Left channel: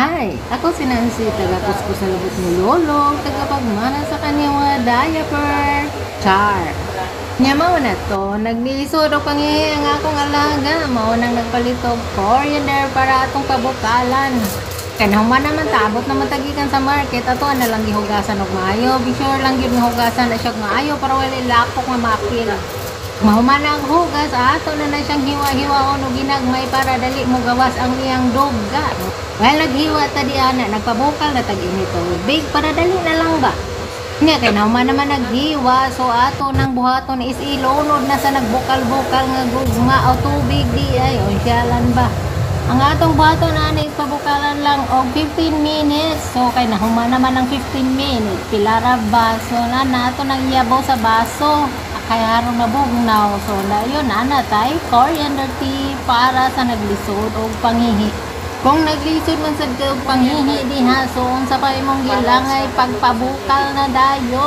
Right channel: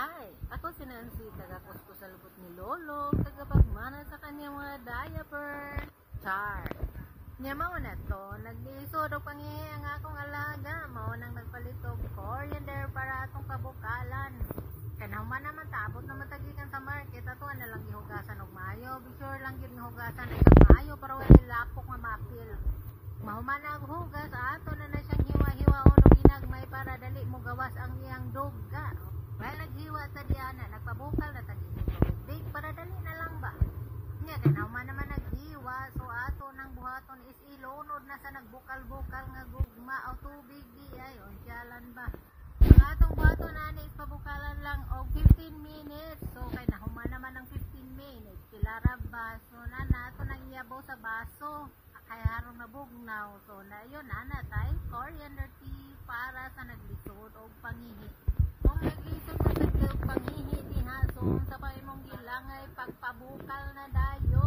Hi! Ako si Nancy, taga-kuskus sa lubot ni Lolo, tagapagmana sa kanyang mga diaper. Char! Nya mao na to, nagliso daw kangi ang akong alaga, mao nang nagpalitog coriander para atong pabukalan. Kanahuman naman tabot naman tagikan sa market, ato na lang gihugasan og maayo, be sure lang gyud nga hugasan na siya og maayo para wala lapok nga makil. Mahuman ang hugas, ato na siyang hiwa-hiwaon o ginagmay para dali mo gawas ang iyang duga. Well, naghiwa ta di ana, nagpabukal na tag-init o big para dali na lang ba? Nga, kaya naman naghiwa, so ato nang buhaton is ilunod na sa nagbukal-bukal nga gugma o tubig di ay, o siyalan ba? Ang atong buhaton na ipabukalan lang og 15 minutes. So, kay nahuman naman ng 15 minutes. Pilara baso na ato nang iyabaw sa baso. Kaya harong nabugnaw. So, yun, tay, coriander tea para sa naglisod o panghihi. Kung naglisod man sa panghihi diha, so, sa pa imong gilangay pagpabukal na dayo.